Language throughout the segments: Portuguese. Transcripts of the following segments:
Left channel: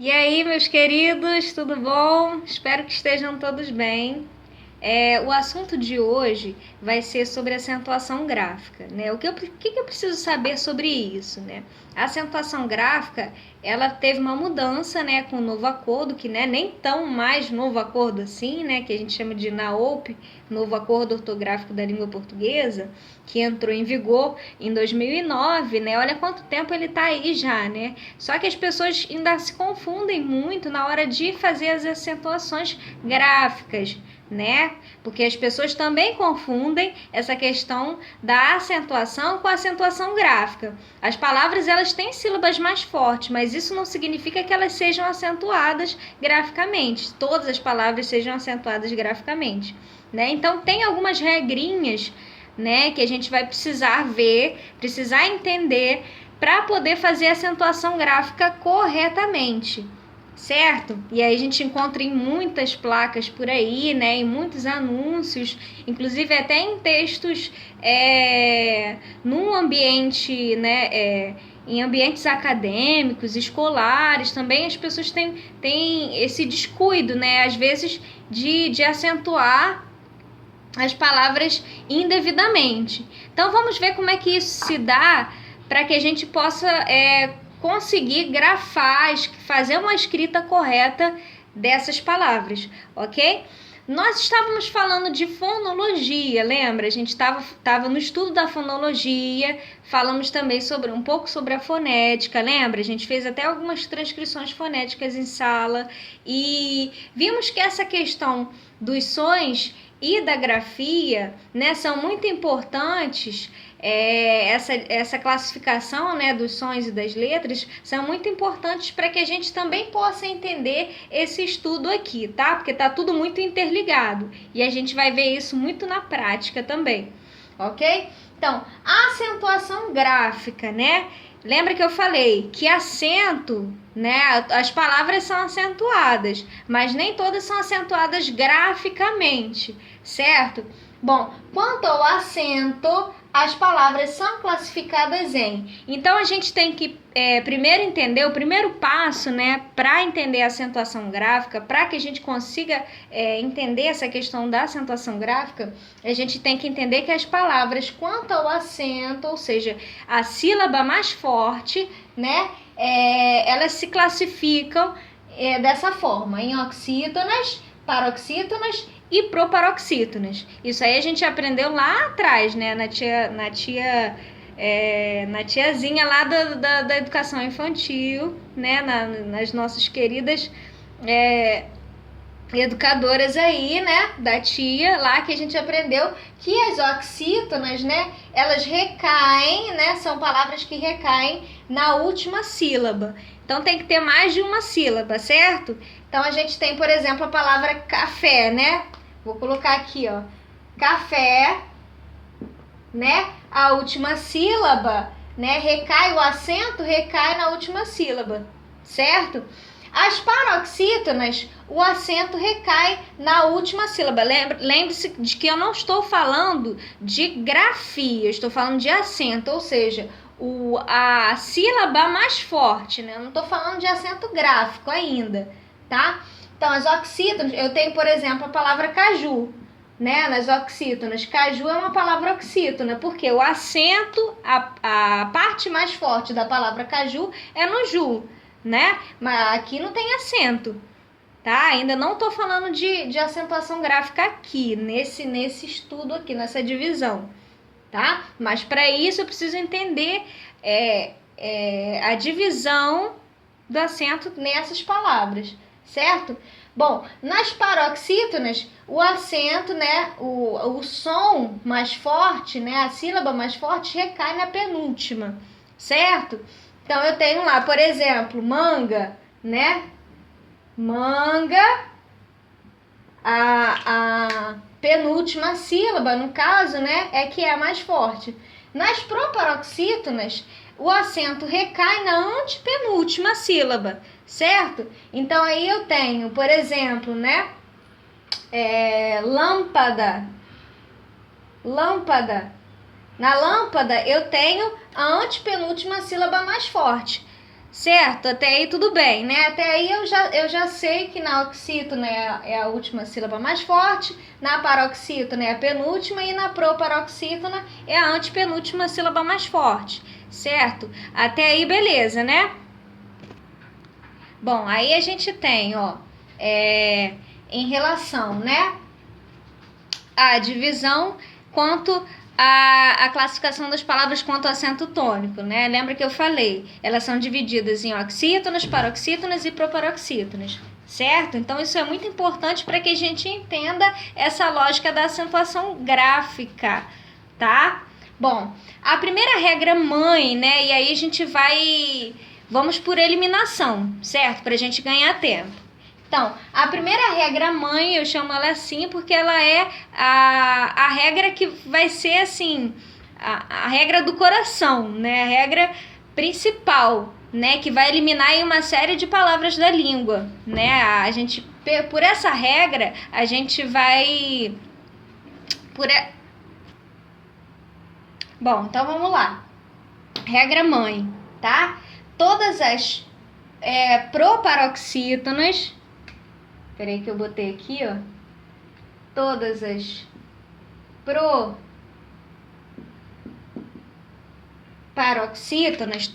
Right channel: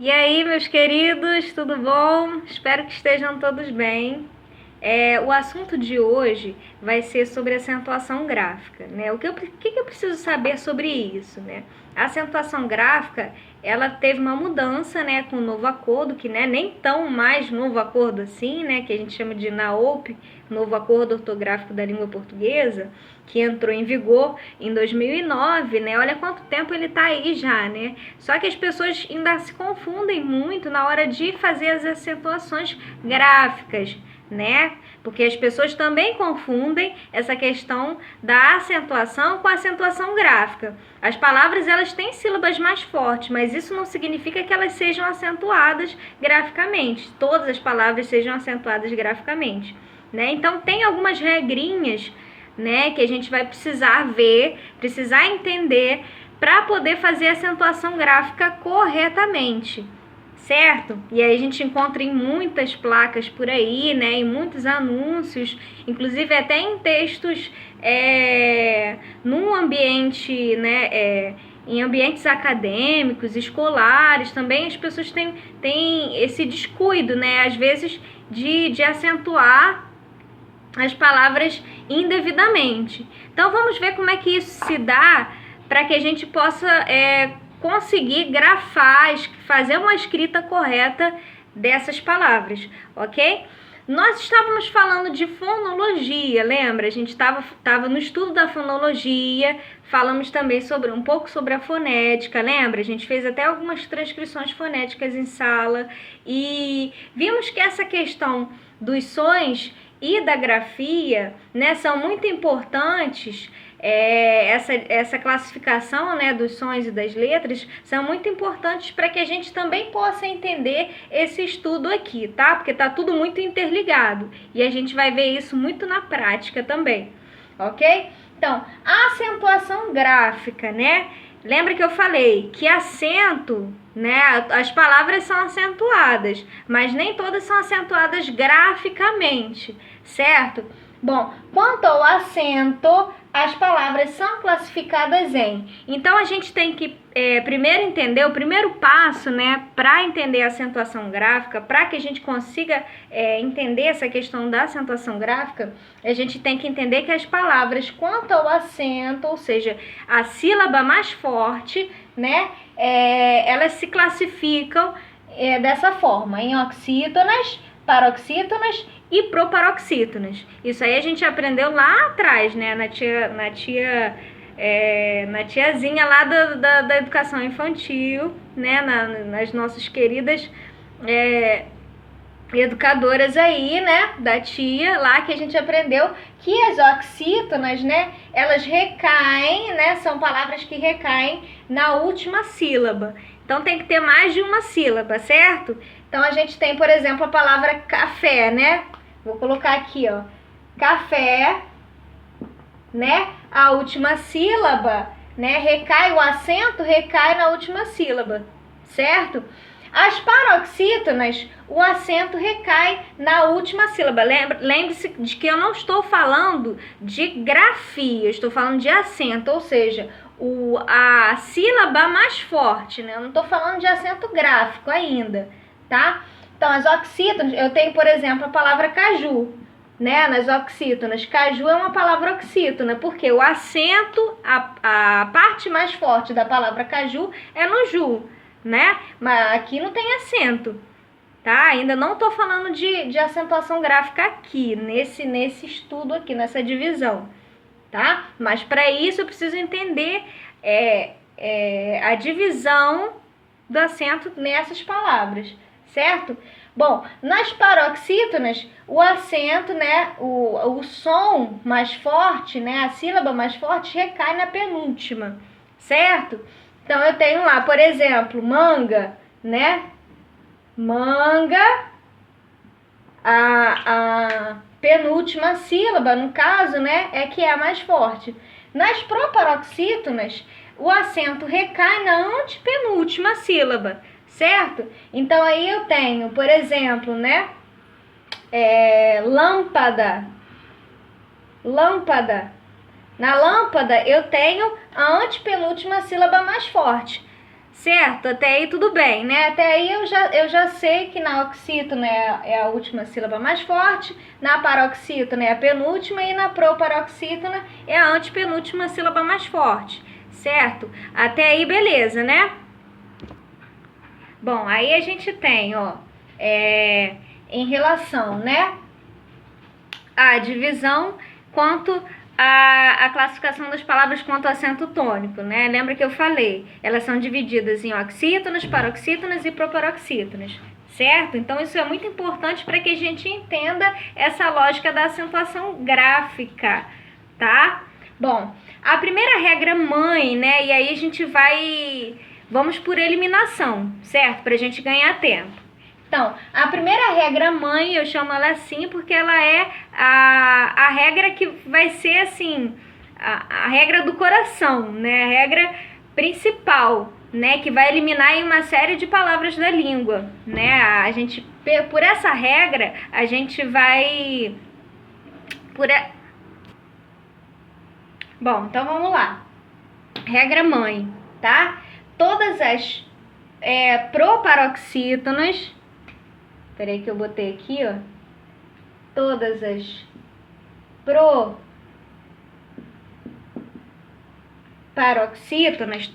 E aí, meus queridos, tudo bom? Espero que estejam todos bem. O assunto de hoje vai ser sobre acentuação gráfica, né? Que eu preciso saber sobre isso, né? A acentuação gráfica, ela teve uma mudança, né, com o novo acordo, que né, nem tão mais novo acordo assim, né, que a gente chama de NAOP, novo acordo ortográfico da língua portuguesa, que entrou em vigor em 2009, né? Olha quanto tempo ele está aí já, né? Só que as pessoas ainda se confundem muito na hora de fazer as acentuações gráficas, né? Porque as pessoas também confundem essa questão da acentuação com a acentuação gráfica. As palavras elas têm sílabas mais fortes, mas isso não significa que elas sejam acentuadas graficamente. Todas as palavras sejam acentuadas graficamente, né? Então tem algumas regrinhas, né, que a gente vai precisar ver, precisar entender para poder fazer a acentuação gráfica corretamente, certo? E aí a gente encontra em muitas placas por aí, né, em muitos anúncios, inclusive até em textos num ambiente, né, em ambientes acadêmicos, escolares, também as pessoas têm esse descuido, né, às vezes de acentuar as palavras indevidamente. Então vamos ver como é que isso se dá para que a gente possa conseguir grafar, fazer uma escrita correta dessas palavras, ok? Nós estávamos falando de fonologia, lembra? A gente estava no estudo da fonologia, falamos também um pouco sobre a fonética, lembra? A gente fez até algumas transcrições fonéticas em sala e vimos que essa questão dos sons e da grafia, né, são muito importantes. Essa classificação, né, dos sons e das letras são muito importantes para que a gente também possa entender esse estudo aqui, tá? Porque tá tudo muito interligado e a gente vai ver isso muito na prática também, ok? Então, a acentuação gráfica, né? Lembra que eu falei que acento, né? As palavras são acentuadas, mas nem todas são acentuadas graficamente, certo? Bom, quanto ao acento, as palavras são classificadas em. Então a gente tem que primeiro entender o primeiro passo, né, para entender a acentuação gráfica, para que a gente consiga entender essa questão da acentuação gráfica, a gente tem que entender que as palavras, quanto ao acento, ou seja, a sílaba mais forte, né, elas se classificam dessa forma, em oxítonas, paroxítonas e proparoxítonas. Isso aí a gente aprendeu lá atrás, né, na tiazinha lá da educação infantil, né, nas nossas queridas educadoras aí, né, da tia lá, que a gente aprendeu que as oxítonas, né, elas recaem, né, são palavras que recaem na última sílaba. Então tem que ter mais de uma sílaba, certo? Então a gente tem, por exemplo, a palavra café, né? Vou colocar aqui, ó, café, né? A última sílaba, né, recai, o acento recai na última sílaba, certo? As paroxítonas, o acento recai na última sílaba. Lembre-se de que eu não estou falando de grafia, eu estou falando de acento, ou seja, a sílaba mais forte, né? Eu não estou falando de acento gráfico ainda, tá? Então, as oxítonas, eu tenho, por exemplo, a palavra caju, né? Nas oxítonas. Caju é uma palavra oxítona, porque o acento, a parte mais forte da palavra caju é no ju, né? Mas aqui não tem acento, tá? Ainda não estou falando de acentuação gráfica aqui, nesse estudo aqui, nessa divisão, tá? Mas para isso eu preciso entender a divisão do acento nessas palavras, certo? Bom, nas paroxítonas, o acento, né, o som mais forte, né, a sílaba mais forte recai na penúltima, certo? Então eu tenho lá, por exemplo, manga, né? Manga, a penúltima sílaba, no caso, né, é que é a mais forte. Nas proparoxítonas, o acento recai na antepenúltima sílaba, certo? Então aí eu tenho, por exemplo, né, lâmpada, lâmpada. Na lâmpada eu tenho a antepenúltima sílaba mais forte. Certo? Até aí tudo bem, né? Até aí eu já sei que na oxítona é a última sílaba mais forte, na paroxítona é a penúltima e na proparoxítona é a antepenúltima sílaba mais forte, certo? Até aí beleza, né? Bom, aí a gente tem, ó, em relação, né, a divisão quanto a classificação das palavras quanto ao acento tônico, né? Lembra que eu falei? Elas são divididas em oxítonas, paroxítonas e proparoxítonas, certo? Então isso é muito importante para que a gente entenda essa lógica da acentuação gráfica, tá? Bom, a primeira regra mãe, né? E aí a gente vamos por eliminação, certo? Para a gente ganhar tempo. Então, a primeira regra mãe, eu chamo ela assim porque ela é a regra que vai ser assim, a regra do coração, né? A regra principal, né? Que vai eliminar aí uma série de palavras da língua, né? A gente, por essa regra, a gente vai... Bom, então vamos lá. Regra mãe, tá? Todas as proparoxítonas... Peraí que eu botei aqui, ó. Todas as proparoxítonas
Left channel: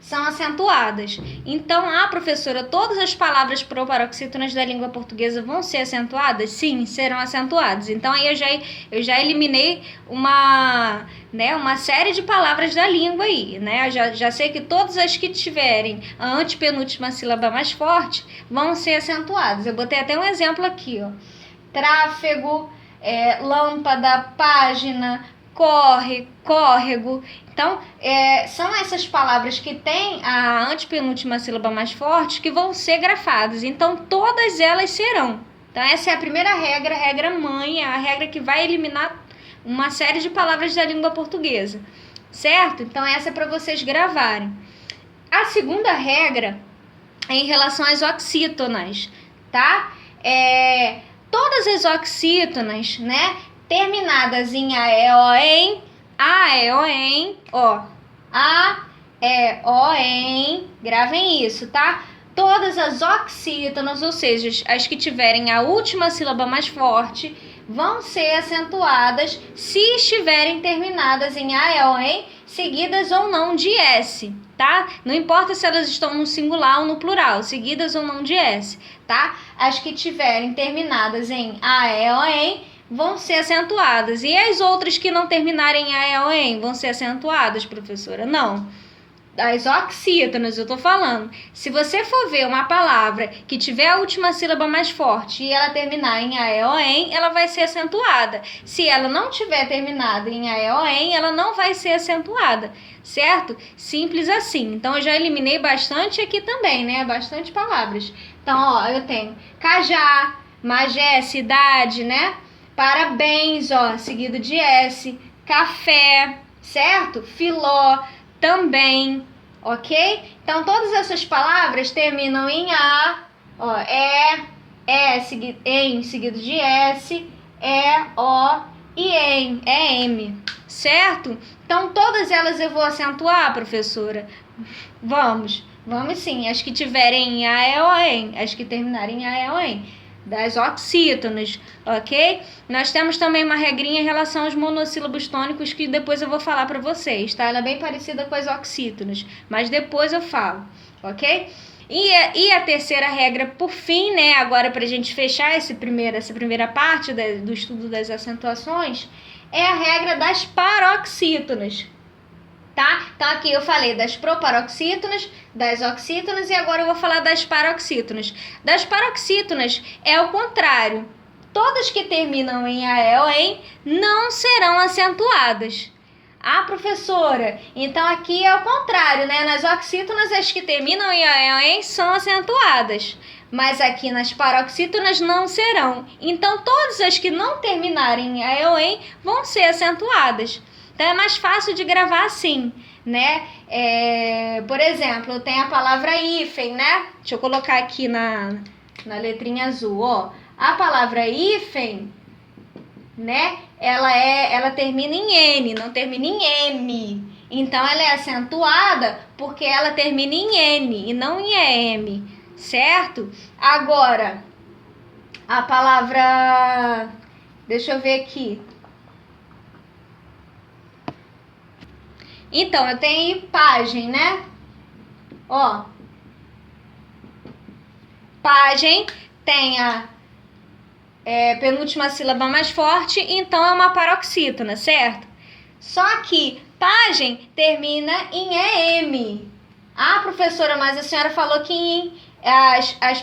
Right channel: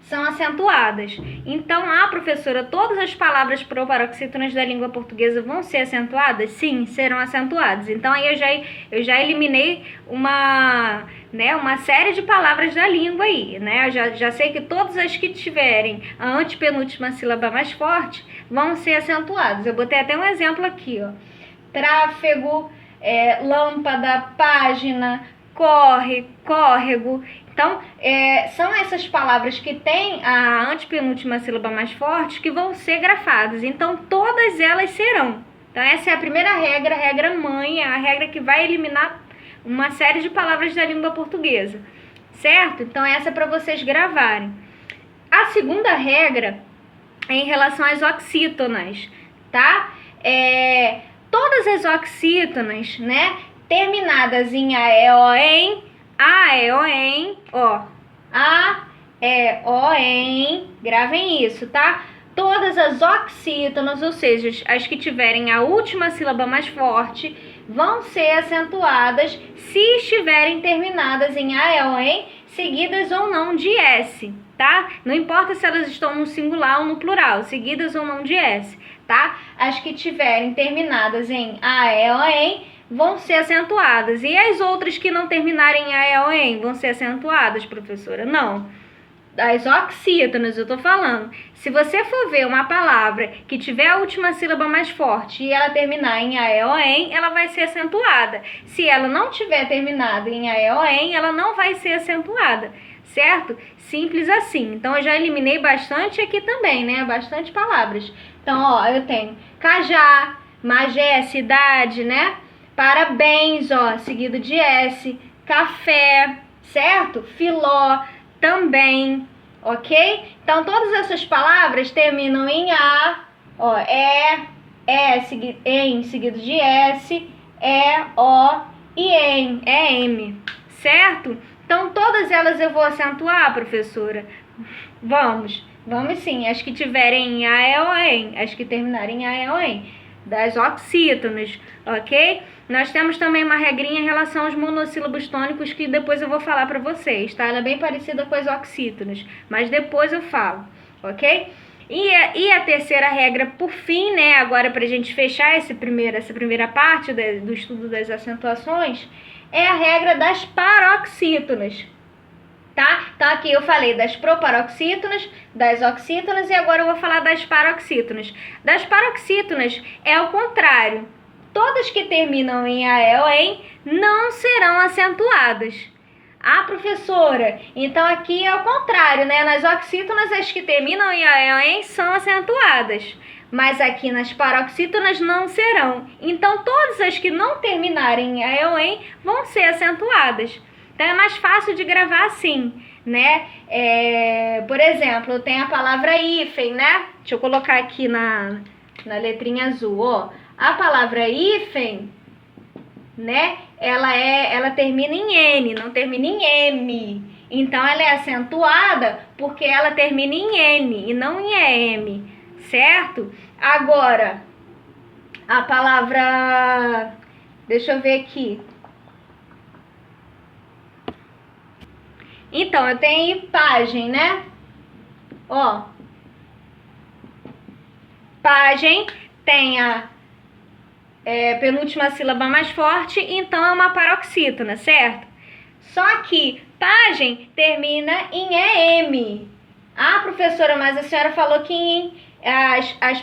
são acentuadas. Então, professora, todas as palavras proparoxítonas da língua portuguesa vão ser acentuadas? Sim, serão acentuadas. Então, aí eu já eliminei uma série de palavras da língua aí, né? Eu já sei que todas as que tiverem a antepenúltima sílaba mais forte vão ser acentuadas. Eu botei até um exemplo aqui, ó. Tráfego, lâmpada, página, corre, córrego. Então, são essas palavras que têm a antepenúltima sílaba mais forte que vão ser grafadas. Então, todas elas serão. Então, essa é a primeira regra, a regra mãe, a regra que vai eliminar uma série de palavras da língua portuguesa. Certo? Então, essa é para vocês gravarem. A segunda regra é em relação às oxítonas, tá? Todas as oxítonas, né, terminadas em aeoem, gravem isso, tá? Todas as oxítonas, ou seja, as que tiverem a última sílaba mais forte, vão ser acentuadas se estiverem terminadas em aeoem, seguidas ou não de S, tá? Não importa se elas estão no singular ou no plural, seguidas ou não de S, tá? As que tiverem terminadas em aeoem vão ser acentuadas. E as outras que não terminarem em aeoem vão ser acentuadas, professora? Não. Das oxítonas, eu tô falando. Se você for ver uma palavra que tiver a última sílaba mais forte e ela terminar em aeoem, ela vai ser acentuada. Se ela não tiver terminado em aeoem, ela não vai ser acentuada, certo? Simples assim. Então, eu já eliminei bastante aqui também, né? Bastante palavras. Então, ó, eu tenho cajá, magé, cidade, né? Parabéns, ó, seguido de S. Café, certo? Filó, também, ok? Então, todas essas palavras terminam em A, ó, em seguido de S, O e M, certo? Então, todas elas eu vou acentuar, professora? Vamos sim. As que tiverem em A, em. As que terminarem em A, em. Das oxítonas, ok? Nós temos também uma regrinha em relação aos monossílabos tônicos que depois eu vou falar para vocês, tá? Ela é bem parecida com as oxítonas, mas depois eu falo, ok? E a terceira regra, por fim, né? Agora para a gente fechar essa primeira parte do estudo das acentuações, é a regra das paroxítonas, tá? Então aqui eu falei das proparoxítonas, das oxítonas e agora eu vou falar das paroxítonas. Das paroxítonas é o contrário. Todas que terminam em aeoem não serão acentuadas. Professora, então aqui é o contrário, né? Nas oxítonas as que terminam em aeoem são acentuadas, mas aqui nas paroxítonas não serão. Então todas as que não terminarem em aeoem vão ser acentuadas. Então é mais fácil de gravar assim, né? Por exemplo, tem a palavra hífen, né? Deixa eu colocar aqui na letrinha azul, ó. A palavra hífen, né? Ela termina em N, não termina em M. Então, ela é acentuada porque ela termina em N e não em EM, certo? Agora, a palavra... Deixa eu ver aqui. Então, eu tenho aí pagem, né? Ó. Pagem tem a penúltima sílaba mais forte, então é uma paroxítona, certo? Só que pagem termina em EM. Ah, professora, mas a senhora falou que as